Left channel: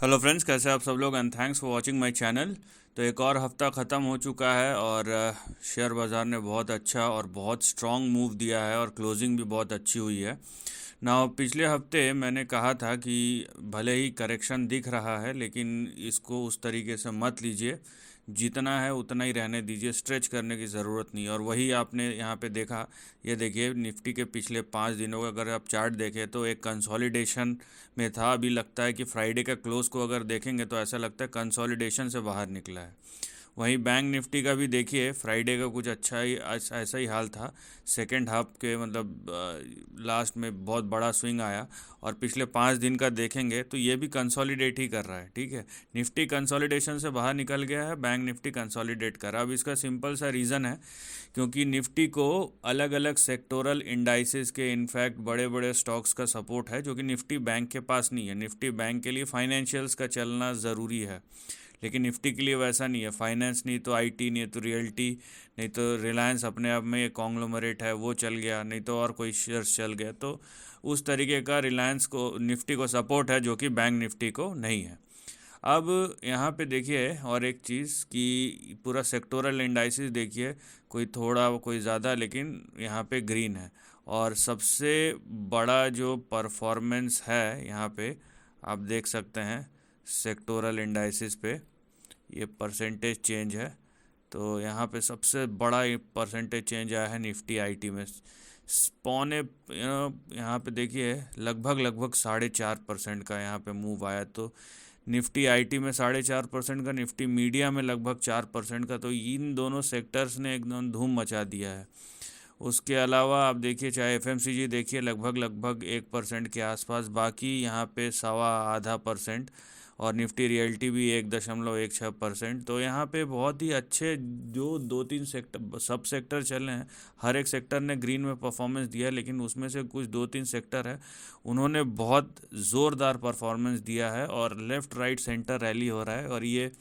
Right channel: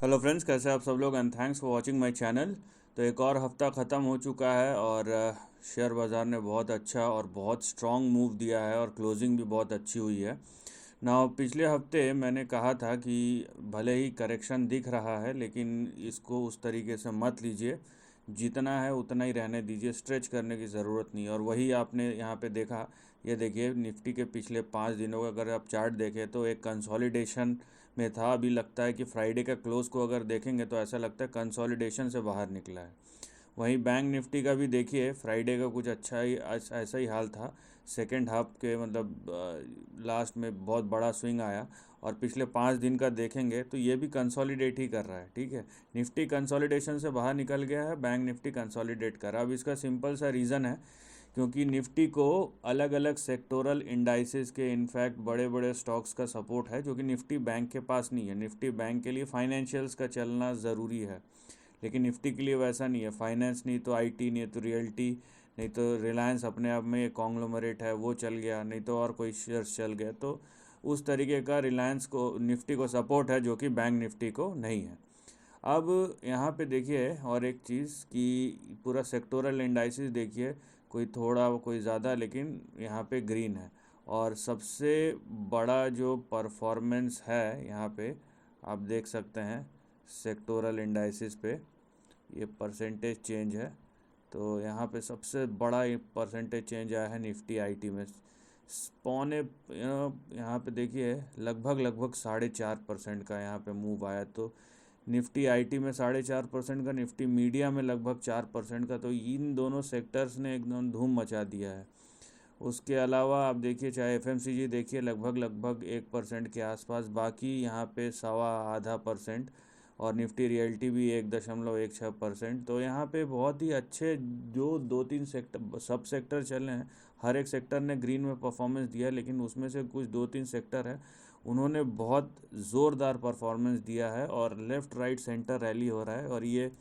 Hello friends, कैसे आप सब लोग and thanks for watching my channel. तो एक और हफ्ता ख़त्म हो चुका है और शेयर बाज़ार ने बहुत अच्छा और बहुत स्ट्रॉन्ग मूव दिया है और क्लोजिंग भी बहुत अच्छी हुई है ना। पिछले हफ्ते मैंने कहा था कि भले ही करेक्शन दिख रहा है लेकिन इसको उस तरीके से मत लीजिए, जितना है उतना ही रहने दीजिए, स्ट्रेच करने की ज़रूरत नहीं। और वही आपने यहाँ पे देखा। ये देखिए निफ्टी के पिछले 5 दिनों का अगर आप चार्ट देखें तो एक कंसोलिडेशन में था। अभी लगता है कि फ्राइडे का क्लोज को अगर देखेंगे तो ऐसा लगता है कंसोलिडेशन से बाहर निकला है। वहीं बैंक निफ्टी का भी देखिए, फ्राइडे का कुछ अच्छा ही ऐसा ही हाल था। सेकेंड हाफ के मतलब लास्ट में बहुत बड़ा स्विंग आया। और पिछले 5 दिन का देखेंगे तो ये भी कंसोलिडेट ही कर रहा है। ठीक है, निफ्टी कंसोलिडेशन से बाहर निकल गया है, बैंक निफ्टी कंसोलिडेट कर रहा है। अब इसका सिंपल सा रीज़न है क्योंकि निफ्टी को अलग अलग सेक्टोरल इंडाइसेस के इनफैक्ट बड़े बड़े स्टॉक्स का सपोर्ट है, जो कि निफ्टी बैंक के पास नहीं है। निफ्टी बैंक के लिए फाइनेंशियल्स का चलना ज़रूरी है, लेकिन निफ्टी के लिए वैसा नहीं है। फाइनेंस नहीं तो आईटी, नहीं तो रियल्टी, नहीं तो रिलायंस अपने आप में एक कॉन्ग्लोमरेट है वो चल गया, नहीं तो और कोई शेयर्स चल गया। तो उस तरीके का रिलायंस को निफ्टी को सपोर्ट है, जो कि बैंक निफ्टी को नहीं है। अब यहाँ पे देखिए और एक चीज़ कि पूरा सेक्टोरल इंडाइसिस देखिए, कोई थोड़ा कोई ज़्यादा, लेकिन यहाँ पे ग्रीन है। और सबसे बड़ा जो परफॉर्मेंस है यहाँ पे आप देख सकते हैं सेक्टोरल इंडाइसिस पे, ये परसेंटेज चेंज है। तो यहाँ पे सबसे बड़ा परसेंटेज चेंज आया है निफ्टी आईटी में। पौने यहाँ पे देखिए लगभग लगभग 4.5% का यहाँ पे मूव आया। तो निफ्टी आईटी में 4.5% का, निफ्टी मीडिया में लगभग 4% का। तो इन दोनों सेक्टर्स ने एकदम धूम मचा दिया है। उसके अलावा आप देखिए, चाहे एफएमसीजी देखिए लगभग लगभग 1% के आसपास, बाकी यहाँ पे सवा आधा परसेंट। और निफ्टी रियल्टी भी 1.16%। तो यहाँ पे बहुत ही अच्छे जो 2-3 सब सेक्टर चले हैं, हर एक सेक्टर ने ग्रीन में परफॉर्मेंस दिया है, लेकिन उसमें से कुछ 2-3 सेक्टर है उन्होंने बहुत ज़ोरदार परफॉर्मेंस दिया है और लेफ़्ट राइट सेंटर रैली हो रहा है। और ये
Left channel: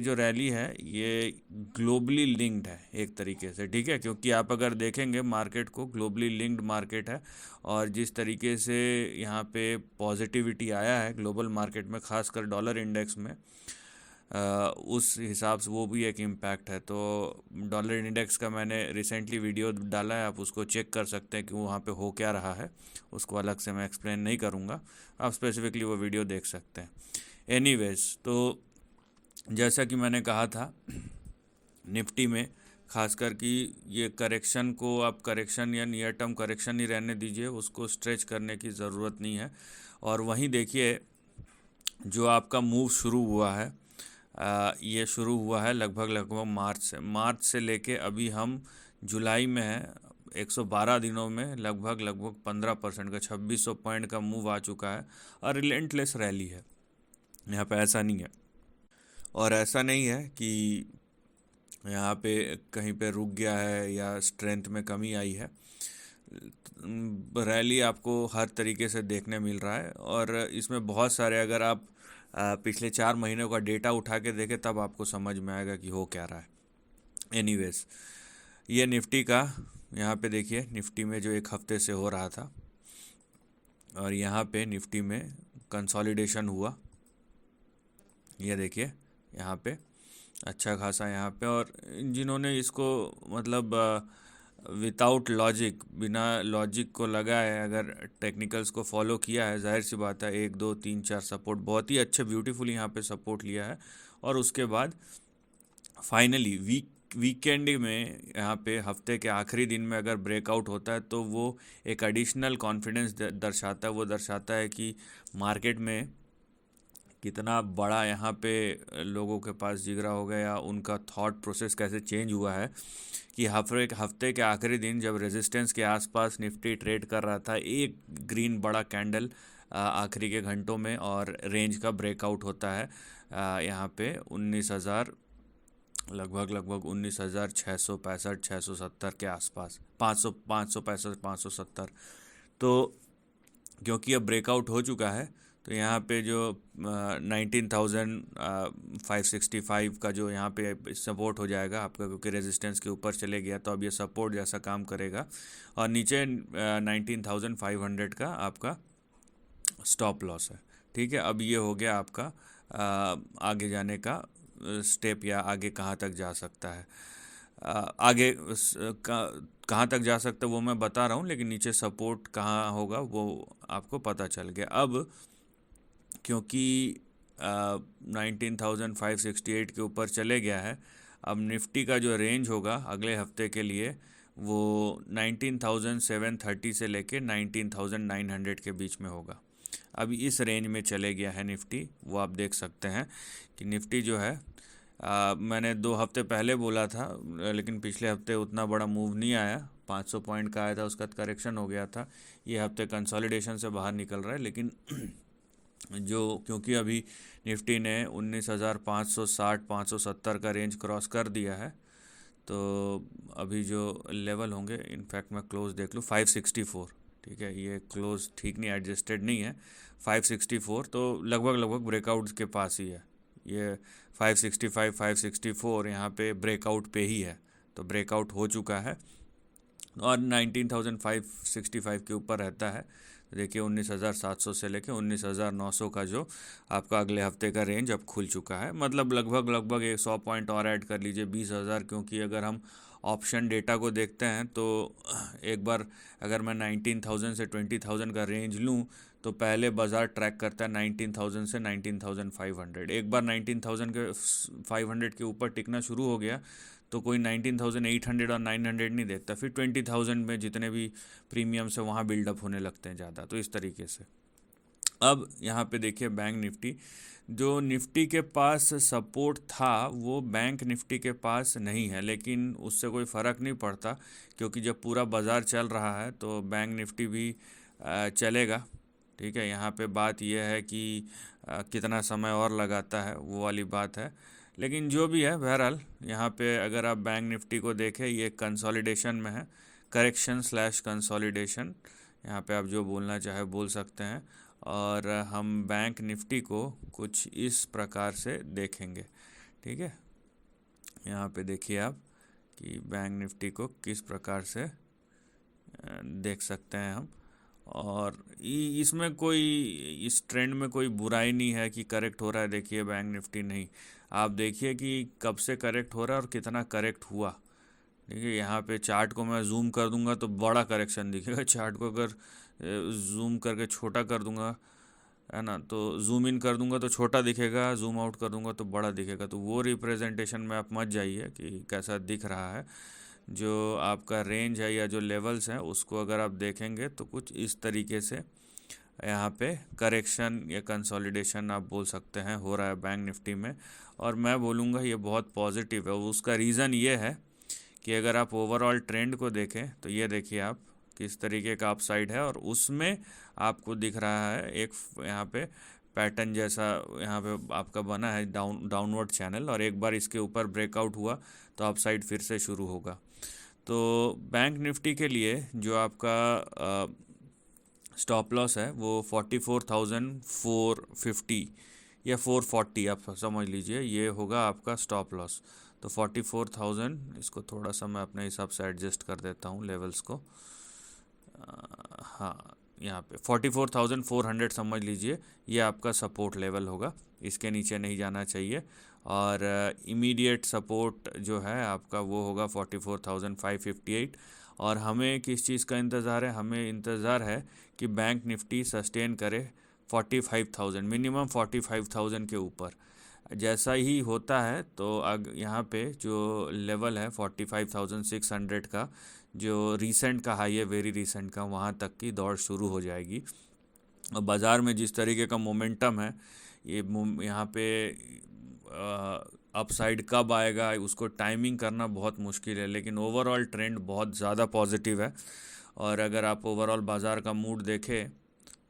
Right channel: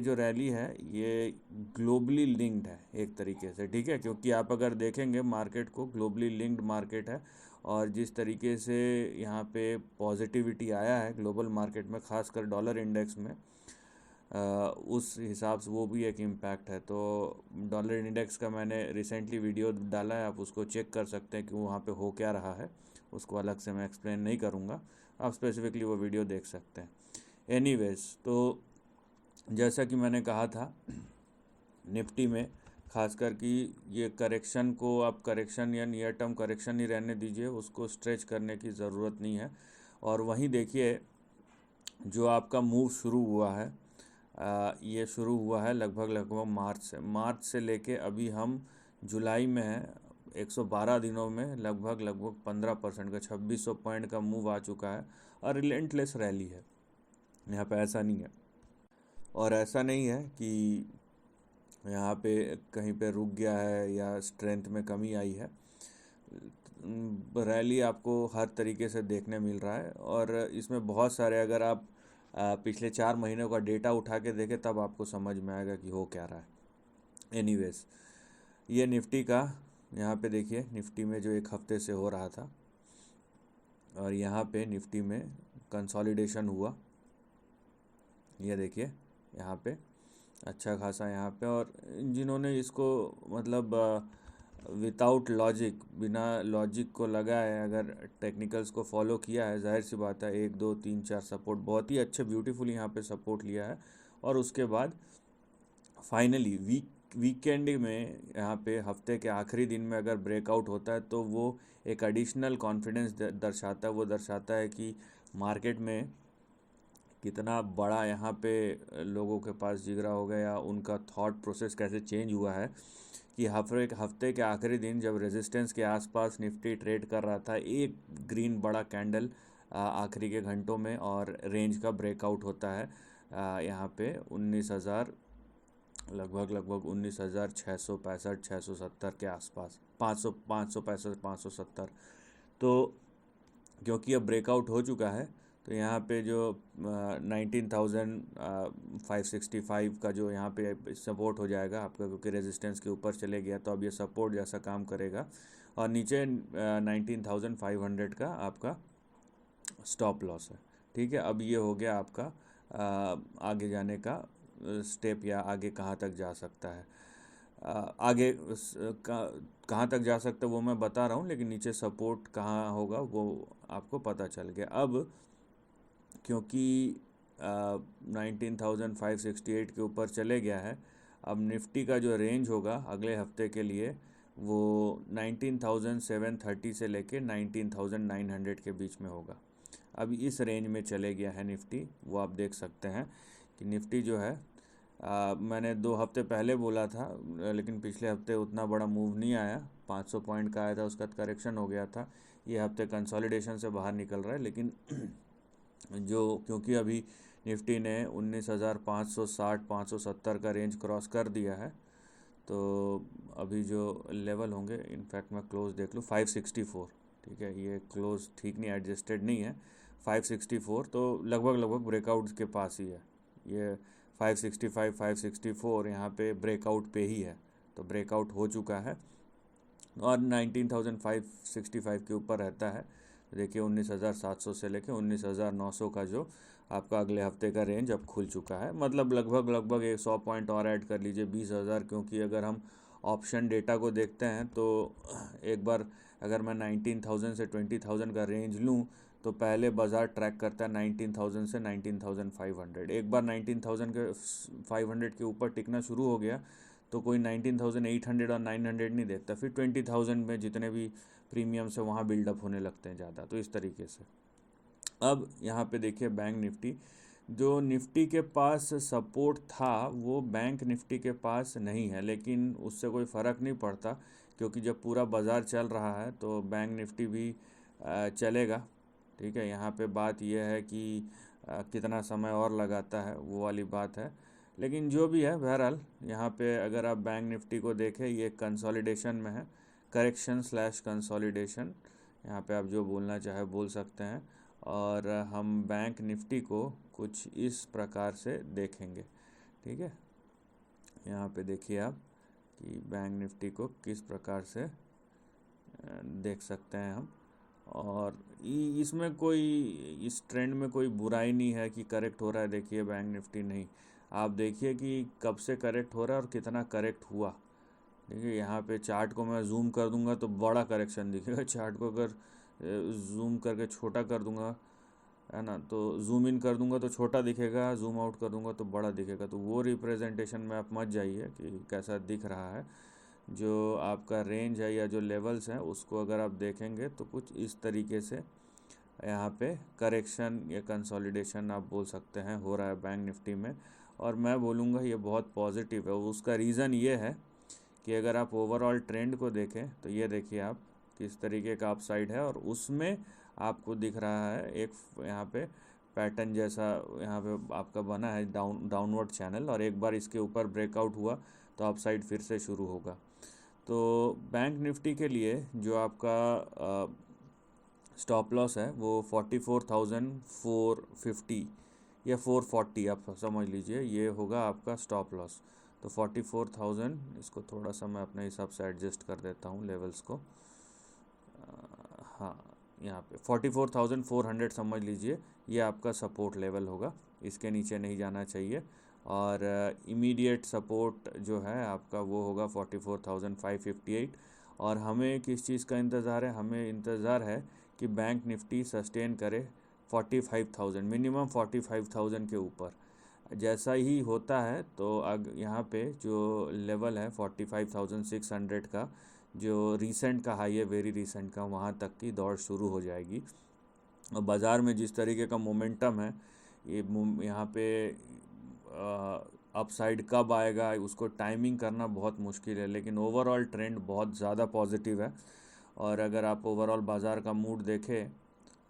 जो रैली है ये ग्लोबली लिंक्ड है एक तरीके से। ठीक है, क्योंकि आप अगर देखेंगे मार्केट को, ग्लोबली लिंक्ड मार्केट है। और जिस तरीके से यहाँ पे पॉजिटिविटी आया है ग्लोबल मार्केट में, खासकर डॉलर इंडेक्स में, उस हिसाब से वो भी एक इम्पैक्ट है। तो डॉलर इंडेक्स का मैंने रिसेंटली वीडियो डाला है, आप उसको चेक कर सकते हैं कि वहाँ पे हो क्या रहा है। उसको अलग से मैं एक्सप्लेन नहीं करूँगा, आप स्पेसिफिकली वो वीडियो देख सकते हैं। एनीवेज, तो जैसा कि मैंने कहा था निफ्टी में खासकर कि ये करेक्शन को आप करेक्शन या नियर टर्म करेक्शन ही रहने दीजिए, उसको स्ट्रेच करने की ज़रूरत नहीं है। और वहीं देखिए जो आपका मूव शुरू हुआ है, ये शुरू हुआ है लगभग लगभग मार्च से लेके अभी हम जुलाई में हैं। 112 दिनों में लगभग लगभग 15% का 2600 पॉइंट का मूव आ चुका है। और रिलेंटलेस रैली है यहाँ पे, ऐसा नहीं है। और ऐसा नहीं है कि यहाँ पे कहीं पे रुक गया है या स्ट्रेंथ में कमी आई है। रैली आपको हर तरीके से देखने मिल रहा है। और इसमें बहुत सारे, अगर आप पिछले 4 महीनों का डेटा उठा के देखें तब आपको समझ में आएगा कि हो क्या रहा है। एनीवेज, ये निफ्टी का यहाँ पे देखिए, निफ्टी में जो एक हफ्ते से हो रहा था, और यहाँ पे निफ्टी में कंसोलिडेशन हुआ। ये देखिए यहाँ पे अच्छा खासा यहाँ पे। और जिन्होंने इसको मतलब विदाउट लॉजिक, बिना लॉजिक को लगाए अगर टेक्निकल्स को फॉलो किया है, जाहिर सी बात है 1 2 3 4 सपोर्ट बहुत ही अच्छे ब्यूटीफुल यहाँ पे सपोर्ट लिया है। और उसके बाद फाइनली वीकेंड में यहाँ पे हफ्ते के आखिरी दिन में अगर ब्रेकआउट होता है तो वो एक एडिशनल कॉन्फिडेंस दर्शाता है। वो दर्शाता है कि मार्केट में कितना बड़ा यहाँ पे लोगों के पास जिगरा हो गया, या उनका थॉट प्रोसेस कैसे चेंज हुआ है कि हफ्ते के आखिरी दिन जब रेजिस्टेंस के आसपास निफ्टी ट्रेड कर रहा था, एक ग्रीन बड़ा कैंडल आखिरी के घंटों में, और रेंज का ब्रेकआउट होता है यहाँ पे 19,000, लगभग लगभग 19,665 670 के आसपास, 565 570। तो क्योंकि अब ब्रेकआउट हो चुका है तो यहाँ पे जो 19,565 का जो यहाँ पे सपोर्ट हो जाएगा आपका, क्योंकि रेजिस्टेंस के ऊपर चले गया तो अब ये सपोर्ट जैसा काम करेगा। और नीचे 19,500 का आपका स्टॉप लॉस है। ठीक है, अब ये हो गया आपका आगे जाने का स्टेप, या आगे कहाँ तक जा सकता है। आगे कहाँ तक जा सकता है वो मैं बता रहा हूँ, लेकिन नीचे सपोर्ट कहाँ होगा वो आपको पता चल गया। अब क्योंकि 19,568 के ऊपर चले गया है, अब निफ्टी का जो रेंज होगा अगले हफ्ते के लिए वो 19,730 से लेके 19,900 के बीच में होगा। अभी इस रेंज में चले गया है निफ्टी, वो आप देख सकते हैं कि निफ्टी जो है मैंने 2 हफ्ते पहले बोला था, लेकिन पिछले हफ्ते उतना बड़ा मूव नहीं आया, 500 पॉइंट का आया था, उसका करेक्शन हो गया था। ये हफ्ते कंसोलिडेशन से बाहर निकल रहा है, लेकिन जो क्योंकि अभी निफ्टी ने 19,560 570 का रेंज क्रॉस कर दिया है, तो अभी जो लेवल होंगे, इनफैक्ट मैं क्लोज देख लूँ 564, ठीक है, ये क्लोज ठीक नहीं, एडजस्टेड नहीं है, 564 तो लगभग ब्रेकआउट के पास ही है। ये 565 564 यहाँ पे ब्रेकआउट पे ही है, तो ब्रेकआउट हो चुका है और 19,565 के ऊपर रहता है। देखिए 19,700 से लेके 19,900 का जो आपका अगले हफ्ते का रेंज अब खुल चुका है, मतलब लगभग 100 पॉइंट और ऐड कर लीजिए 20,000। क्योंकि अगर हम ऑप्शन डेटा को देखते हैं तो एक बार अगर मैं 19,000 से 20,000 का रेंज लूँ तो पहले बाज़ार ट्रैक करता है 19,000 से 19,500। एक बार 19,000 के 500 के ऊपर टिकना शुरू हो गया तो कोई 19,800 और 900 नहीं देखता, फिर 20,000 में जितने भी प्रीमियम से वहाँ बिल्डअप होने लगते हैं ज़्यादा, तो इस तरीके से। अब यहाँ पे देखिए बैंक निफ्टी, जो निफ्टी के पास सपोर्ट था वो बैंक निफ्टी के पास नहीं है, लेकिन उससे कोई फ़र्क नहीं पड़ता क्योंकि जब पूरा बाज़ार चल रहा है तो बैंक निफ्टी भी चलेगा। ठीक है, यहाँ पे बात यह है कि कितना समय और लगाता है वो वाली बात है, लेकिन जो भी है बहरहाल यहाँ पे अगर आप बैंक निफ्टी को देखें ये कंसोलिडेशन में है, करेक्शन स्लैश कंसोलिडेशन, यहाँ पे आप जो बोलना चाहे बोल सकते हैं। और हम बैंक निफ्टी को कुछ इस प्रकार से देखेंगे। ठीक है, यहाँ पे देखिए आप कि बैंक निफ्टी को किस प्रकार से देख सकते हैं हम, और इसमें कोई इस ट्रेंड में कोई बुराई नहीं है कि करेक्ट हो रहा है। देखिए बैंक निफ्टी नहीं, आप देखिए कि कब से करेक्ट हो रहा है और कितना करेक्ट हुआ। देखिए यहाँ पे चार्ट को मैं जूम कर दूंगा तो बड़ा करेक्शन दिखेगा, चार्ट को अगर जूम करके छोटा कर दूंगा है ना, तो जूम इन कर दूंगा तो छोटा दिखेगा, जूम आउट कर दूंगा तो बड़ा दिखेगा। तो वो रिप्रेजेंटेशन में आप मत जाइए कि कैसा दिख रहा है। जो आपका रेंज है या जो लेवल्स हैं उसको अगर आप देखेंगे तो कुछ इस तरीके से यहाँ पे करेक्शन या कंसोलिडेशन आप बोल सकते हैं हो रहा है बैंक निफ्टी में, और मैं बोलूँगा ये बहुत पॉजिटिव है। उसका रीज़न ये है कि अगर आप ओवरऑल ट्रेंड को देखें तो ये देखिए आप किस तरीके का अपसाइड है, और उसमें आपको दिख रहा है एक यहाँ पे पैटर्न जैसा यहाँ पे आपका बना है डाउनवर्ड चैनल, और एक बार इसके ऊपर ब्रेकआउट हुआ तो अपसाइड फिर से शुरू होगा। तो बैंक निफ्टी के लिए जो आपका स्टॉप लॉस है वो 44,450 या 440 आप समझ लीजिए, ये होगा आपका स्टॉप लॉस। तो 44,000, इसको थोड़ा सा मैं अपने हिसाब से एडजस्ट कर देता हूँ लेवल्स को, हाँ यहाँ पे 44,400 समझ लीजिए, ये आपका सपोर्ट लेवल होगा, इसके नीचे नहीं जाना चाहिए। और इमीडिएट सपोर्ट जो है आपका वो होगा 44,558। और हमें किस चीज़ का इंतज़ार है, हमें इंतज़ार है कि बैंक निफ्टी सस्टेन करे 45,000, मिनिमम 45,000 के ऊपर। जैसा ही होता है तो यहाँ पे जो लेवल है 45,600 का, जो रीसेंट का हाई है, वेरी रीसेंट का, वहाँ तक की दौड़ शुरू हो जाएगी। और बाज़ार में जिस तरीके का मोमेंटम है, ये यहाँ पे अपसाइड कब आएगा उसको टाइमिंग करना बहुत मुश्किल है, लेकिन ओवरऑल ट्रेंड बहुत ज़्यादा पॉजिटिव है। और अगर आप ओवरऑल बाज़ार का मूड देखें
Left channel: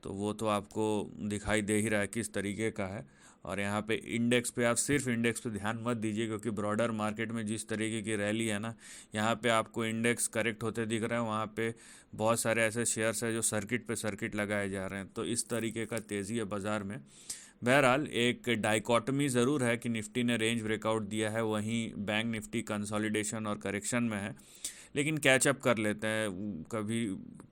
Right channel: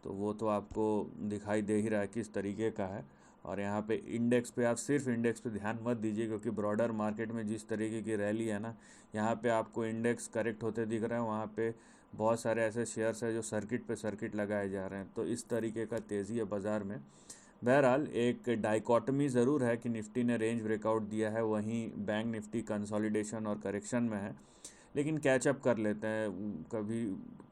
तो वो तो आपको दिखाई दे ही रहा है किस तरीके का है। और यहाँ पे इंडेक्स पे आप सिर्फ इंडेक्स पे ध्यान मत दीजिए, क्योंकि ब्रॉडर मार्केट में जिस तरीके की रैली है ना, यहाँ पे आपको इंडेक्स करेक्ट होते दिख रहा है, वहाँ पे बहुत सारे ऐसे शेयर्स हैं जो सर्किट पे सर्किट लगाए जा रहे हैं। तो इस तरीके का तेज़ी है बाज़ार में। बहरहाल एक डाइकॉटमी ज़रूर है कि निफ्टी ने रेंज ब्रेकआउट दिया है, वहीं बैंक निफ्टी कंसोलिडेशन और करेक्शन में है, लेकिन कैचअप कर लेते हैं। कभी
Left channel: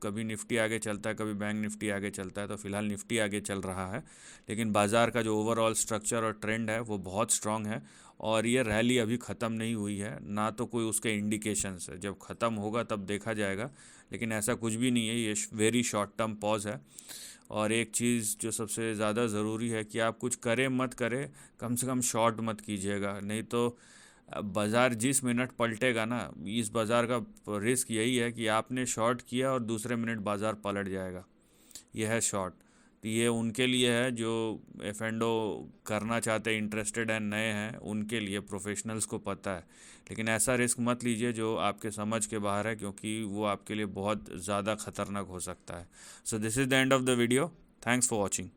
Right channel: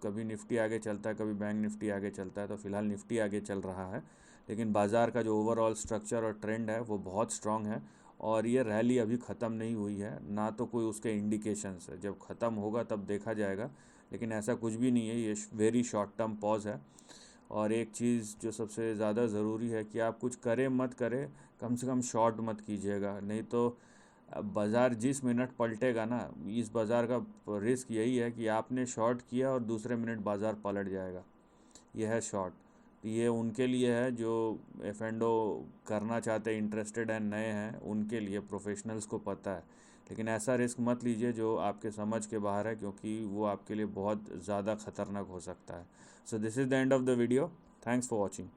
कभी निफ्टी आगे चलता है, कभी बैंक निफ्टी आगे चलता है, तो फिलहाल निफ्टी आगे चल रहा है। लेकिन बाज़ार का जो ओवरऑल स्ट्रक्चर और ट्रेंड है वो बहुत स्ट्रांग है, और ये रैली अभी ख़त्म नहीं हुई है, ना तो कोई उसके इंडिकेशंस है। जब ख़त्म होगा तब देखा जाएगा, लेकिन ऐसा कुछ भी नहीं है, ये वेरी शॉर्ट टर्म पॉज है। और एक चीज़ जो सबसे ज़्यादा ज़रूरी है कि आप कुछ करें मत करें, कम से कम शॉर्ट मत कीजिएगा, नहीं तो बाज़ार जिस मिनट पलटेगा ना, इस बाज़ार का रिस्क यही है कि आपने शॉर्ट किया और दूसरे मिनट बाज़ार पलट जाएगा। यह है शॉर्ट। तो ये उनके लिए है जो एफ एंड ओ करना चाहते हैं, इंटरेस्टेड हैं, नए हैं, उनके लिए, प्रोफेशनल्स को पता है। लेकिन ऐसा रिस्क मत लीजिए जो आपके समझ के बाहर है, क्योंकि वो आपके लिए बहुत ज़्यादा खतरनाक हो सकता है। So this is the end of the video. Thanks for watching.